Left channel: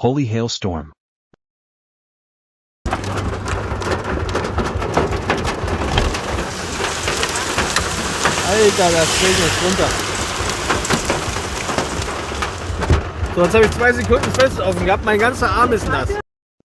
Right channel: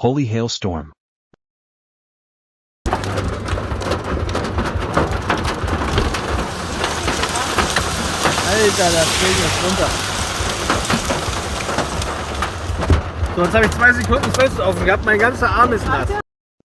Holy hailstorm. Alter, das fällt jetzt runter. So, jetzt habe ich 2 Sekunden fest offen gehabt, mein ganzer Arm ist nass.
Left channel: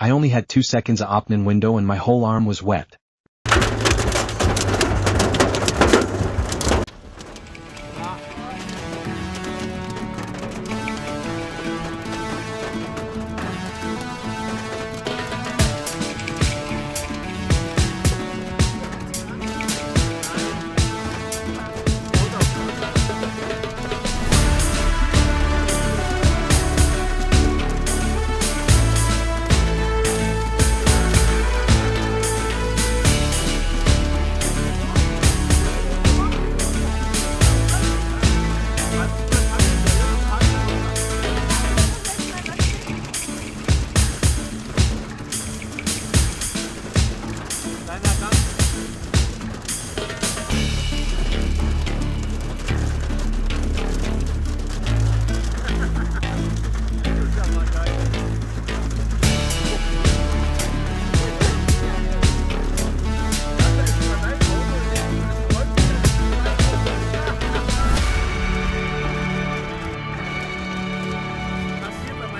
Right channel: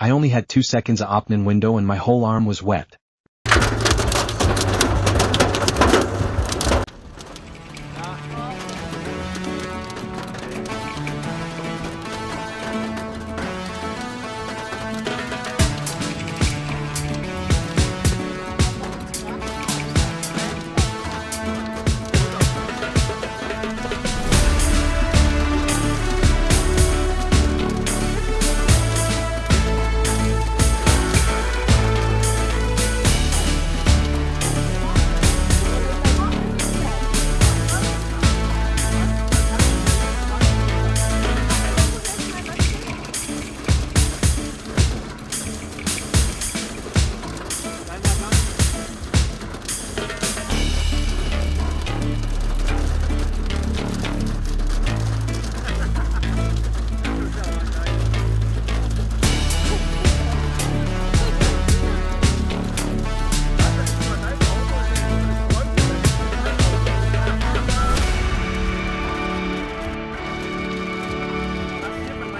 I only had 2 seconds of opening window and my whole arm was wet.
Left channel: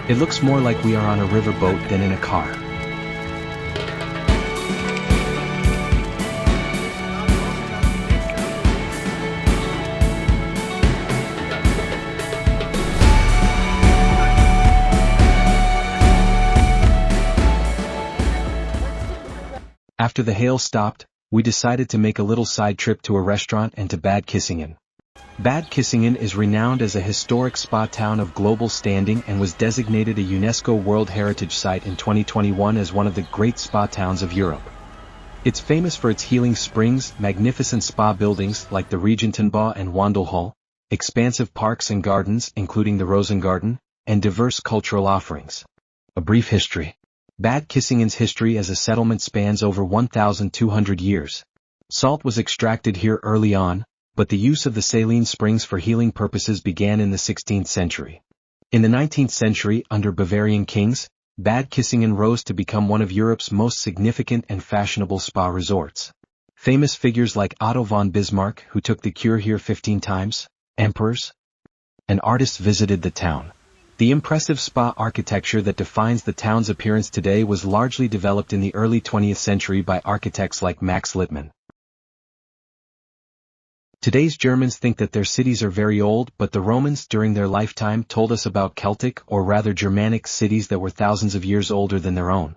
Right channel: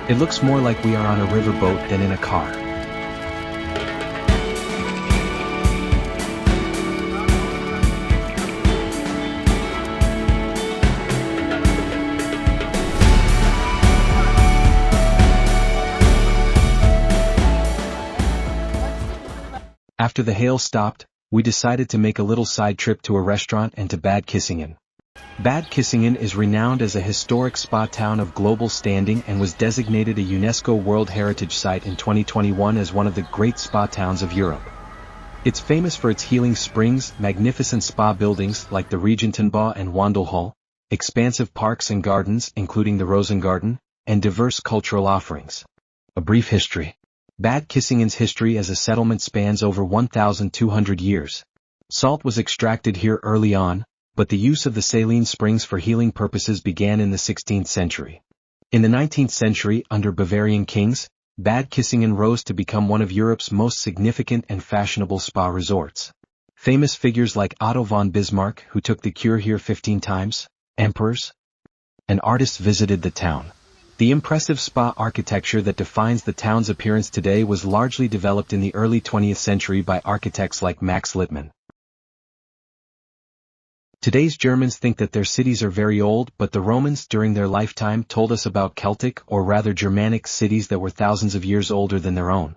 It looks more like we are on a riverboat than in a car. After the hail stopped, we decided to make a little side trip to a restaurant and to Bad Kissingen. Bad Kissingen is renowned as a historic spa town of global standing and was designated a UNESCO World Heritage Site in 2021 as one of the great spa towns of Europe. It's famous for its healing springs, magnificent spa buildings like the Regentenbau and Wandelhall, expansive parks and gardens including the Rosengarten, and diverse cultural offerings. A brief history. Bad Kissingen's history as a settlement spans over 1,200 years. Salt was extracted here early on, but the use of the saline springs for healing purposes began in the 16th century. In the 19th century, under Bavarian kings, Bad Kissingen rose to become one of Europe's most significant and fashionable spa resorts. Famous figures like Otto von Bismarck, who took the cure here 15 times, emperors, and artists visited the town. The impressive spa architecture that defines the town's appearance today was largely developed in the early 20th century by architects like Max Littmann. Today's Germans think that their cities are very old, but the Romans during their lifetime told us about Celtic or rather Germanic cities that were thousands of years older than their own.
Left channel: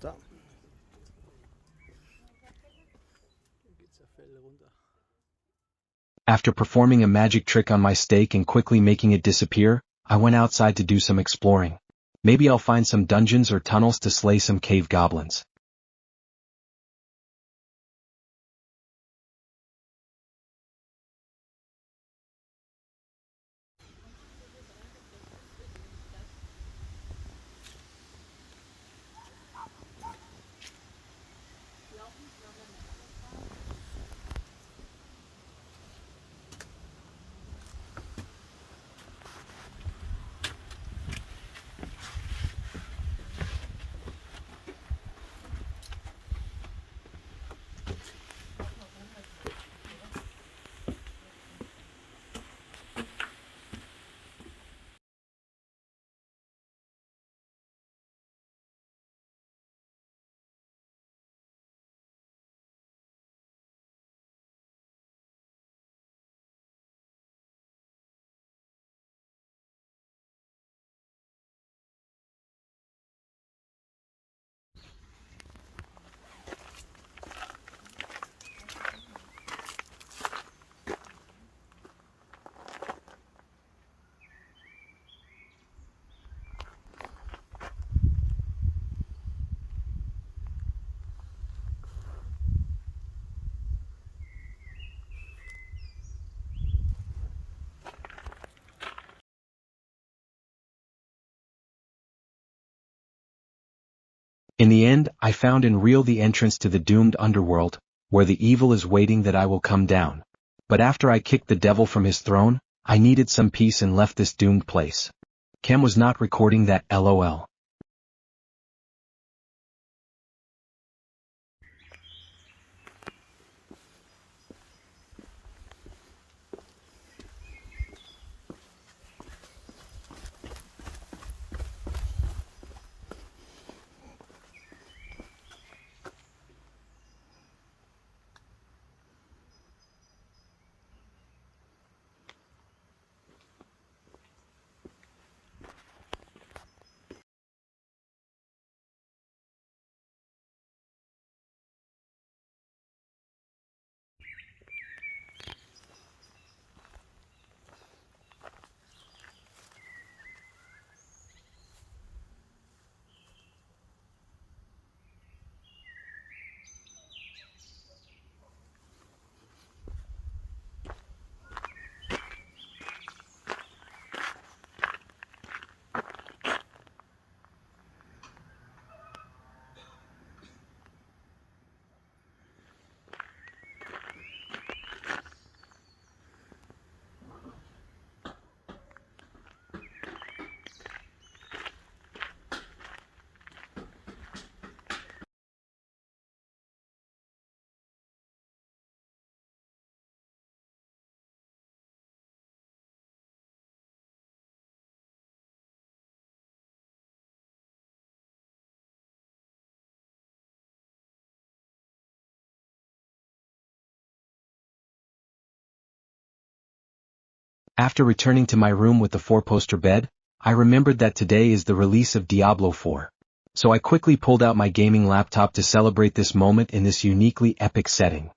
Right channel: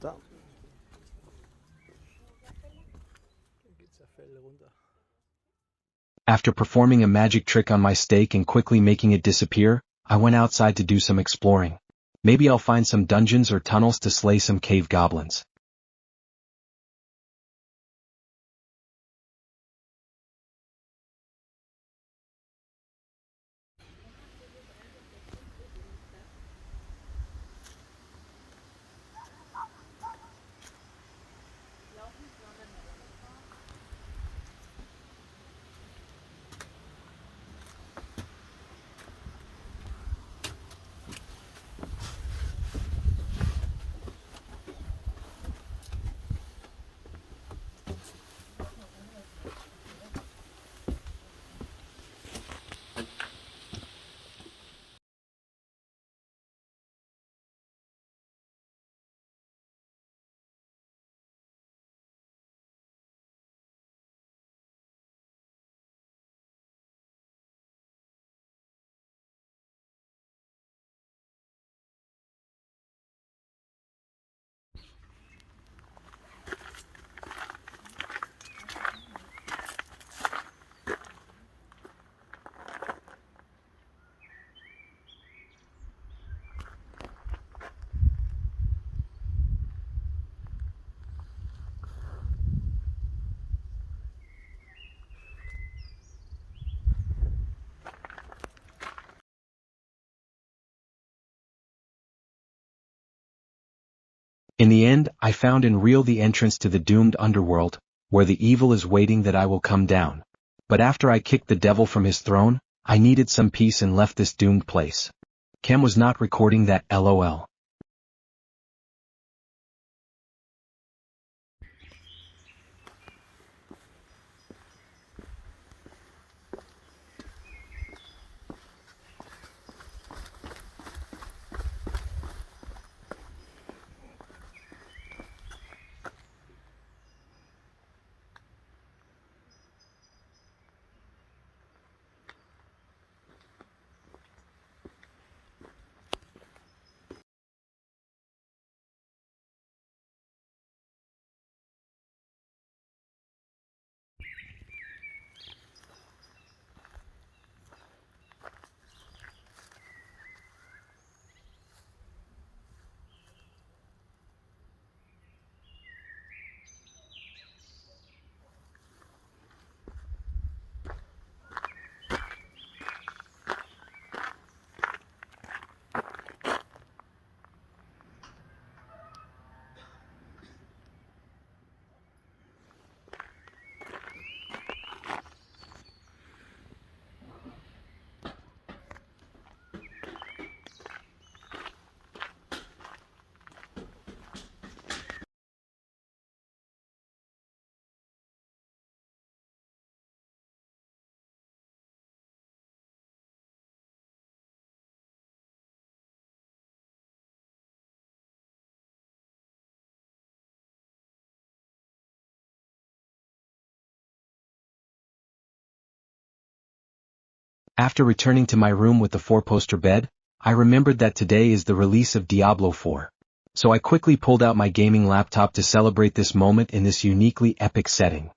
Da. Dann geht's der Fell runter. After performing a magic trick on my steak and quickly making it disappear, I went outside to do some exploring. Maybe I'll find some dungeons or tunnels to slay some cave goblins. In the end, I found and real the entrance to the doomed underworld, where the evil is waiting that I will come down. But after I kicked the devil from his throne, I needed some peace and left this doomed place. Chem was not recording that, lol. After returning to my room with the 4-poster bed, I remembered that today is the release of Diablo 4. So I quickly pulled out my gaming laptop to celebrate this moment in this uniquely epic setting.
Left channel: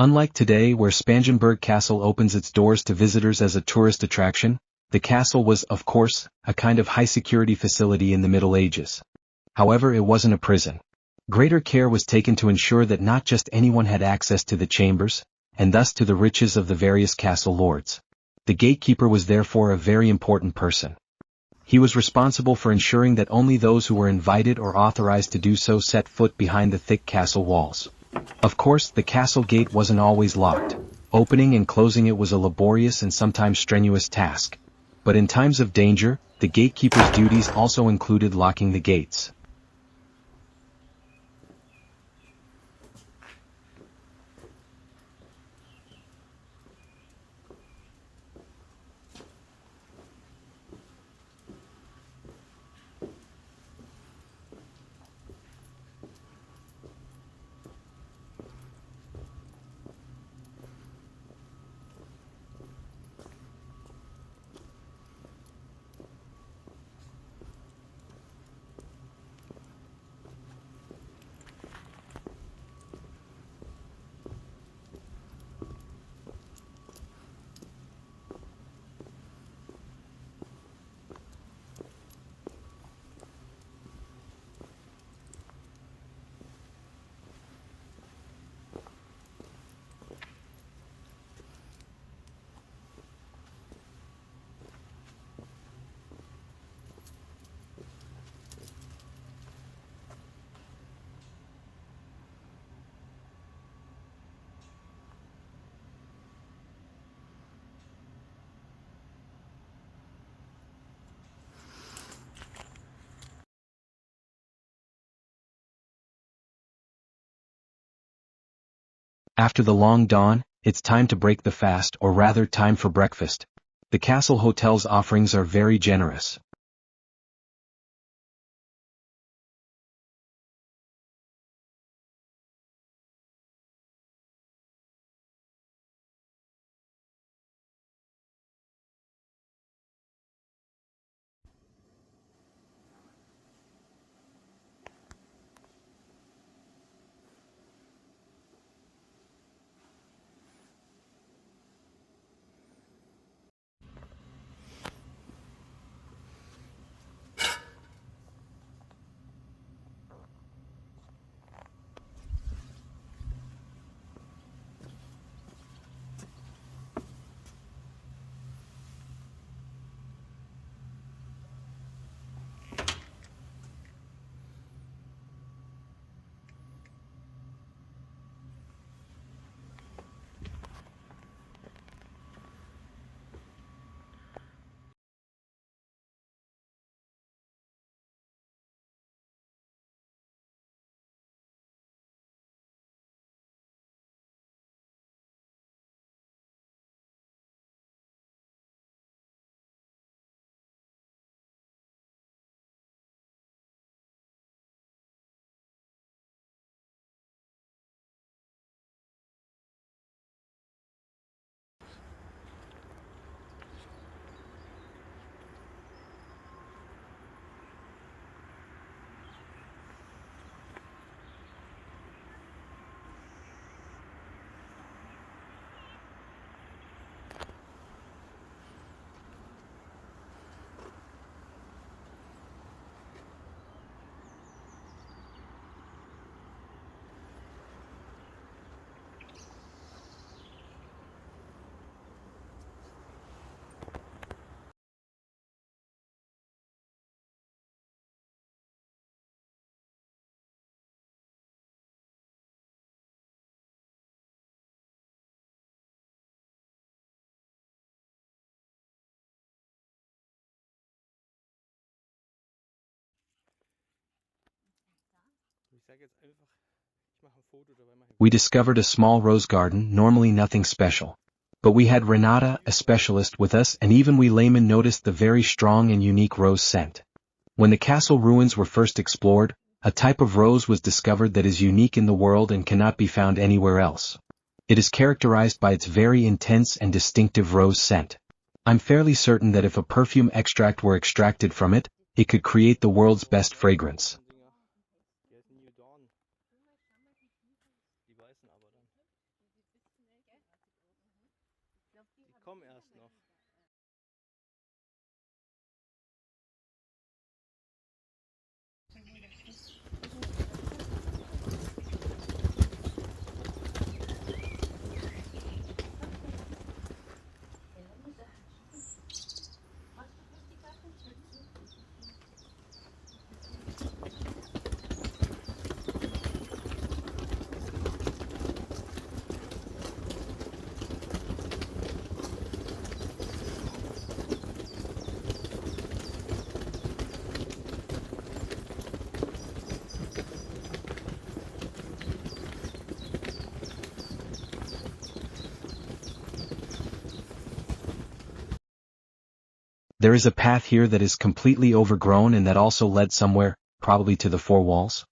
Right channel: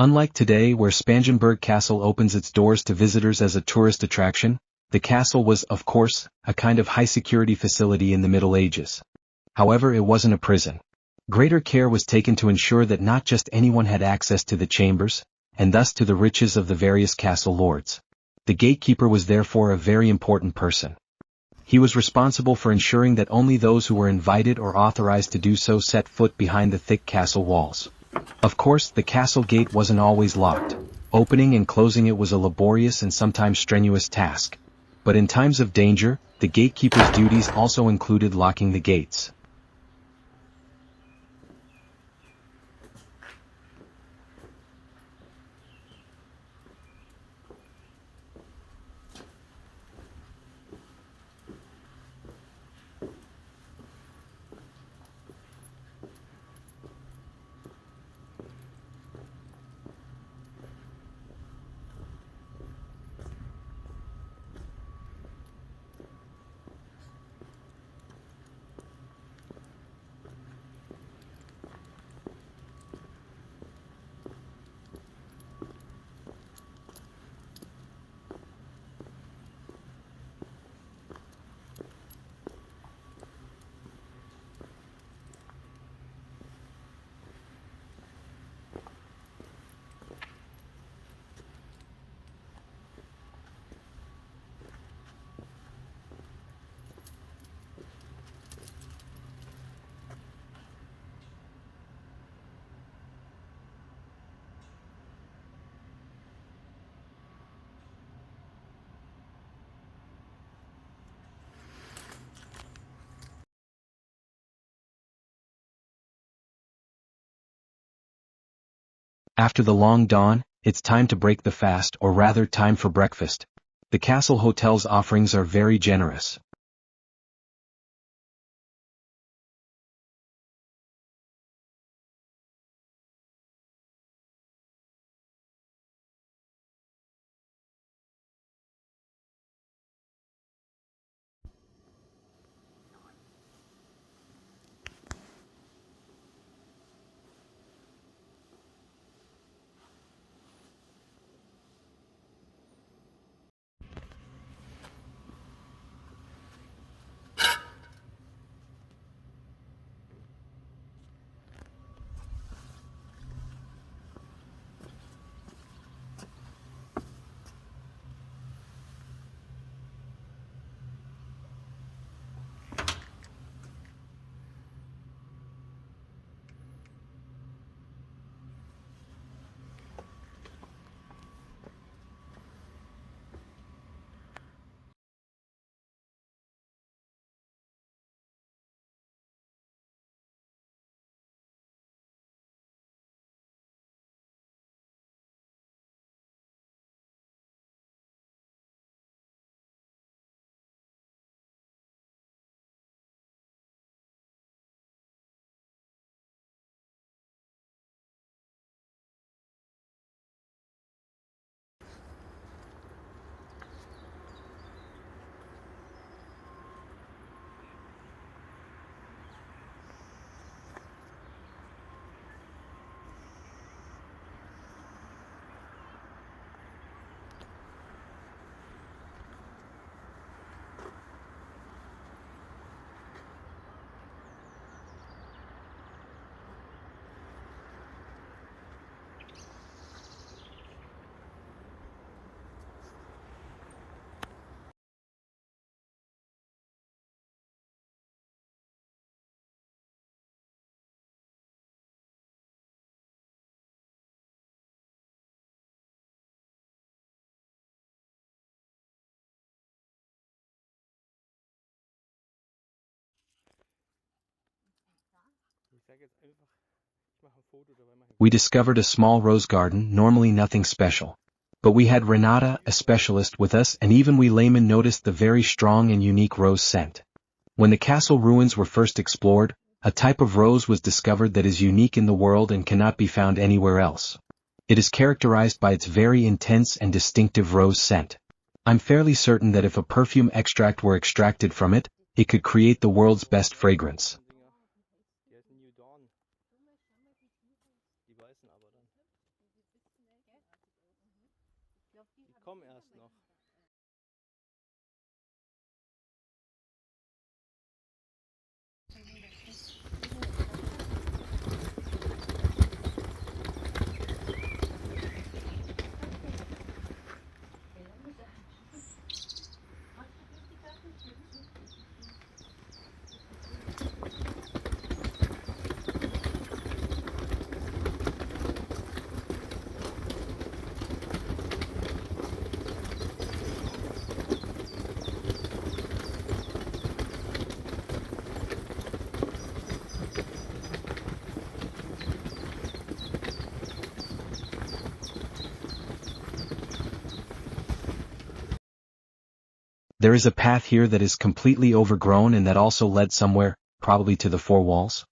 Unlike today where Spangenberg Castle opens its doors to visitors as a tourist attraction, the castle was, of course, a kind of high-security facility in the Middle Ages. However, it wasn't a prison. Greater care was taken to ensure that not just anyone had access to the chambers, and thus to the riches of the various castle lords. The gatekeeper was therefore a very important person. He was responsible for ensuring that only those who were invited or authorized to do so set foot behind the thick castle walls. Of course, the castle gate wasn't always locked. Opening and closing it was a laborious and sometimes strenuous task. But in times of danger, the gatekeeper's duties also included locking the gates. After the long dawn, it's time to break the fast, or rather time for breakfast. The castle hotel's offerings are very generous. We discovered a small rose garden, normally nothing special. But we had Renata, a specialist, with us, and even we laymen noticed the very strong and unique rose scent. When the castle ruins were first explored, a type of rose was discovered that is unique in the world and cannot be found anywhere else. It is characterized by its very intense and distinctive rose scent. I'm fairly certain that if a perfume extract were extracted from it, it could create the world's best fragrance. There is a path here that is completely overgrown and that also led somewhere, probably to the four walls.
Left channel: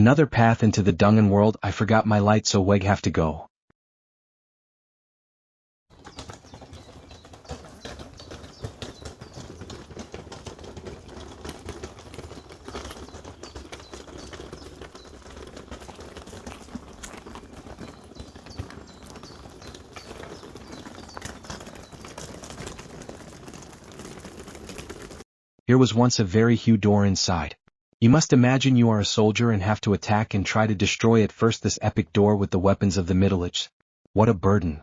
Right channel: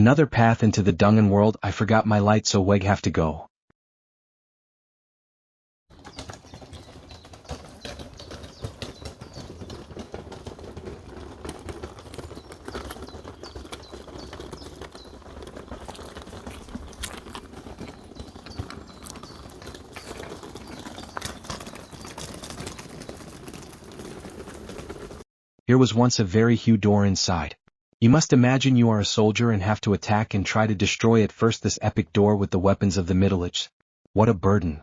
Another path into the Dungen world. I forgot my light, so weg have to go. Here was once a very huge door inside. You must imagine you are a soldier and have to attack and try to destroy at first this epic door with the weapons of the Middle Ages. What a burden.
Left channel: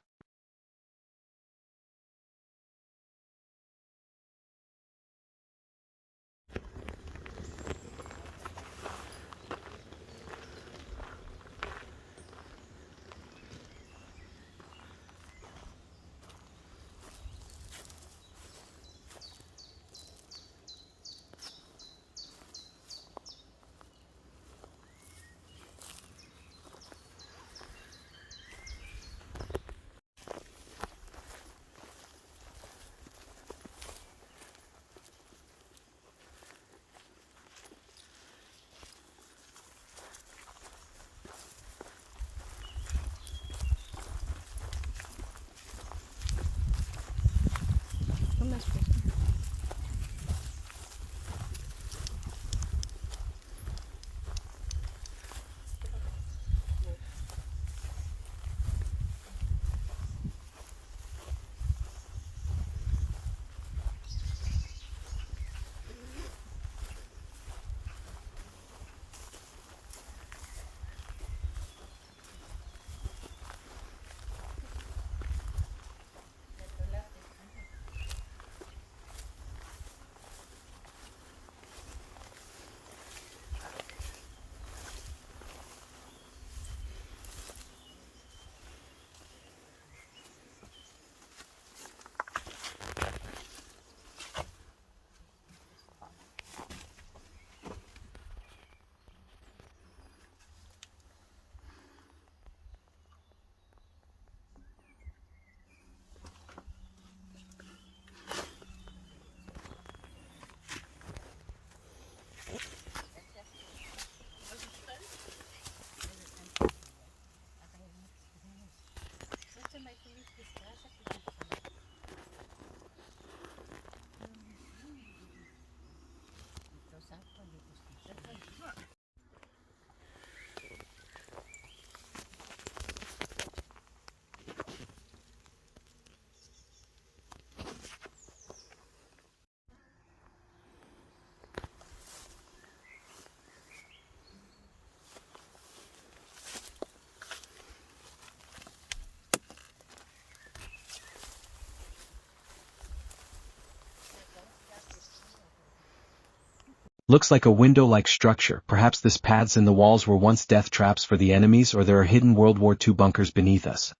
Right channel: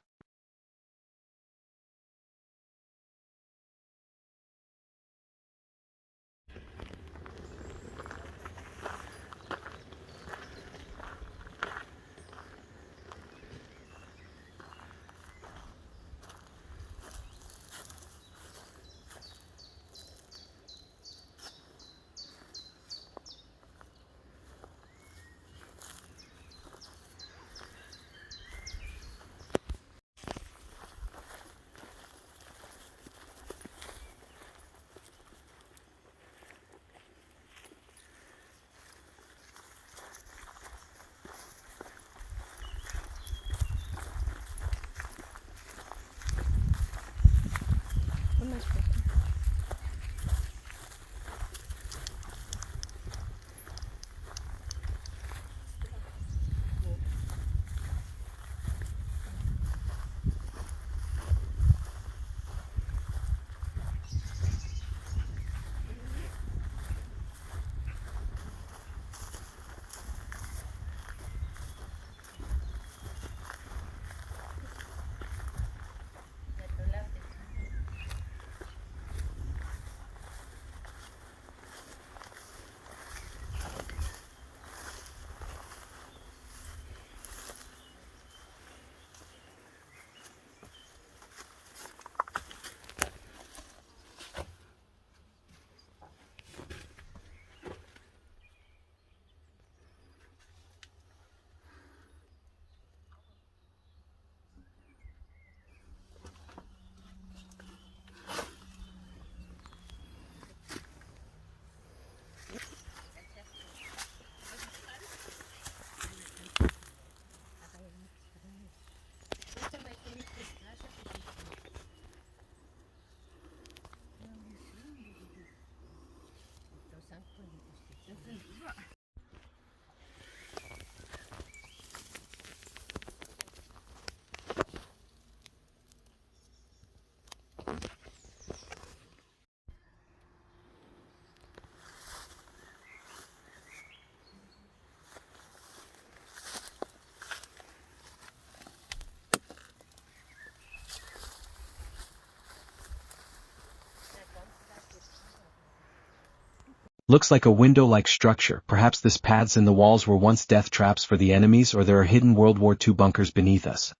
Looks like a window-like structure. Perhaps this paths in the walls were once death traps for the enemies, or there are hidden World War II bunkers beneath us.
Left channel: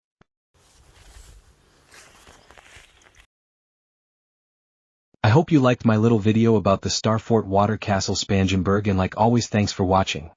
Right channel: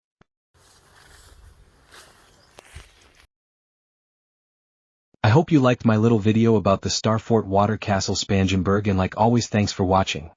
I hope you liked my little video about the Starfort Watercastle Spangenberg, and like always, thanks for watching.